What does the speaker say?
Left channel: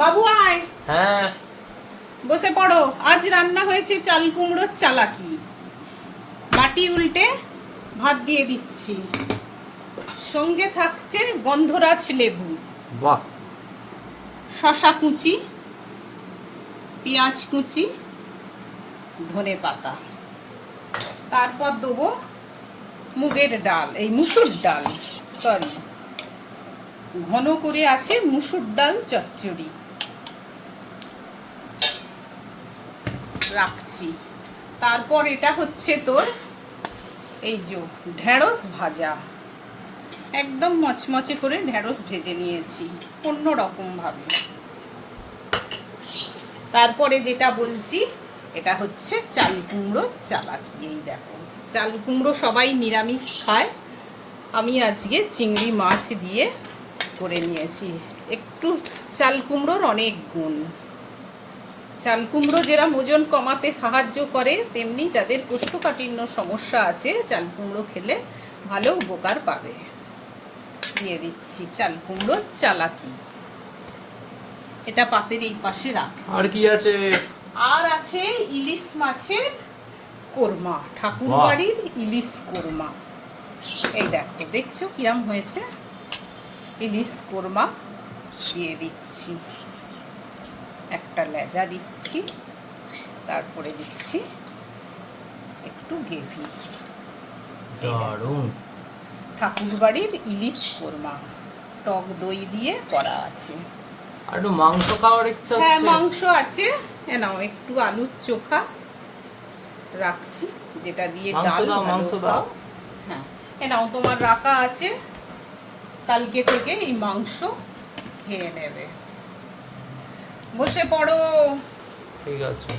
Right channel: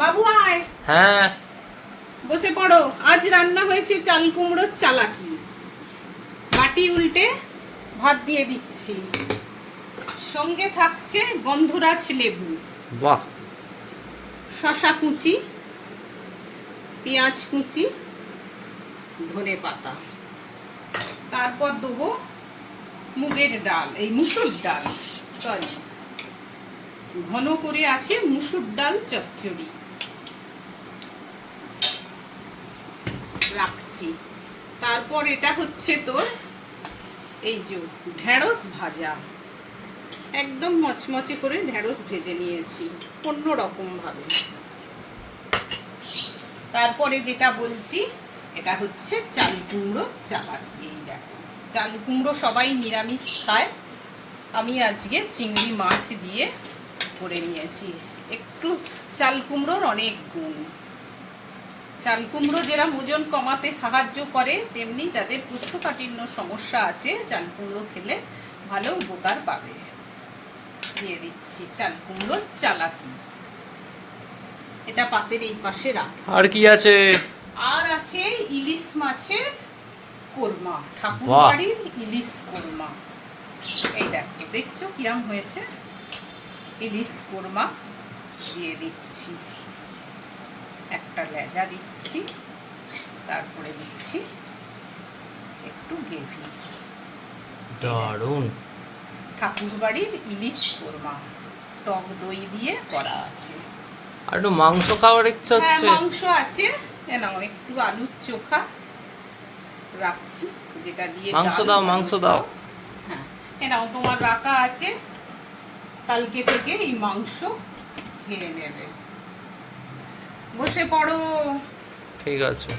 বাবু আয়, হ্যাঁ বসে পড়ো। আজ রান্না হয়েছে চাল কুমড়োর চালাকি। মাটি উল্টে ভাত দিয়ে দিচ্ছি, সঙ্গে থাকছে গন্ধরাজ লেবু, বাহ, শশা কুচি, পেঁয়াজ কুচি, ধনে পাতা। তারপর দেবো মুগের ডাল, এই মুসুর ডাল, সরি, ঘন করে আছে মুসুর ডাল চচ্চড়ি রাখছি। তারপর এটা হচ্ছে তোর এই যে ঢেঁড়স ভাজা, একদম মচমচে করে ঢেঁড়স ভেজে নিয়েছি অন্য রকম ভাবে। তারপরে যেটা বলছি, এটা হচ্ছে চাল কুমড়ো চালাকি। এই দেখো, চাল কুমড়ো সবাই নিরামিষ খায়, আমি আজকে চিংড়ি মাছ দিয়ে করে নিয়েছি। একটু চাল কুমড়োর অনেক গুণ। চাল কুমড়ো যেরকম ওজন কমাতে সাহায্য করে, তেমনি যাদের কোষ্ঠকাঠিন্য সমস্যা আছে চাল কুমড়ো খেলে ভালো উপকার পাবে। দিয়ে দিচ্ছি চাল কুমড়োর চালাকি। এটা পাতের এই পাশে রাখছি। আর কি আছে? আর আছে ইলিশ মাছের কোরমা, ঠাকুর বাড়ির ইলিশ কোরমা। এই দেখো, দেখছো কিরম হয়েছে? ইলিশ কোরমা দিয়ে দিচ্ছি, একটা লেজা দিচ্ছি, তারপরে দিচ্ছি একটু গ্রেভি। দারুণ। ঠাকুর বাড়ির ইলিশ কোরমা, টক দই দিয়ে করা আছে। আর একটু মাংস খাওয়ার ইচ্ছা হ্যাঁ, হচ্ছে। মাংস আছে, এ নাও একটু আলুর চোখা রাখছি, যেটা দিয়ে মাংস ডাল দাও, ভালো মাংস দাও। খাও। হ্যাঁ, এ নাও তোমার রাখা আছে, কালকে থেকে এই মাংস খেয়ে নেবে। বসে পড়ো। ঠিক আছে।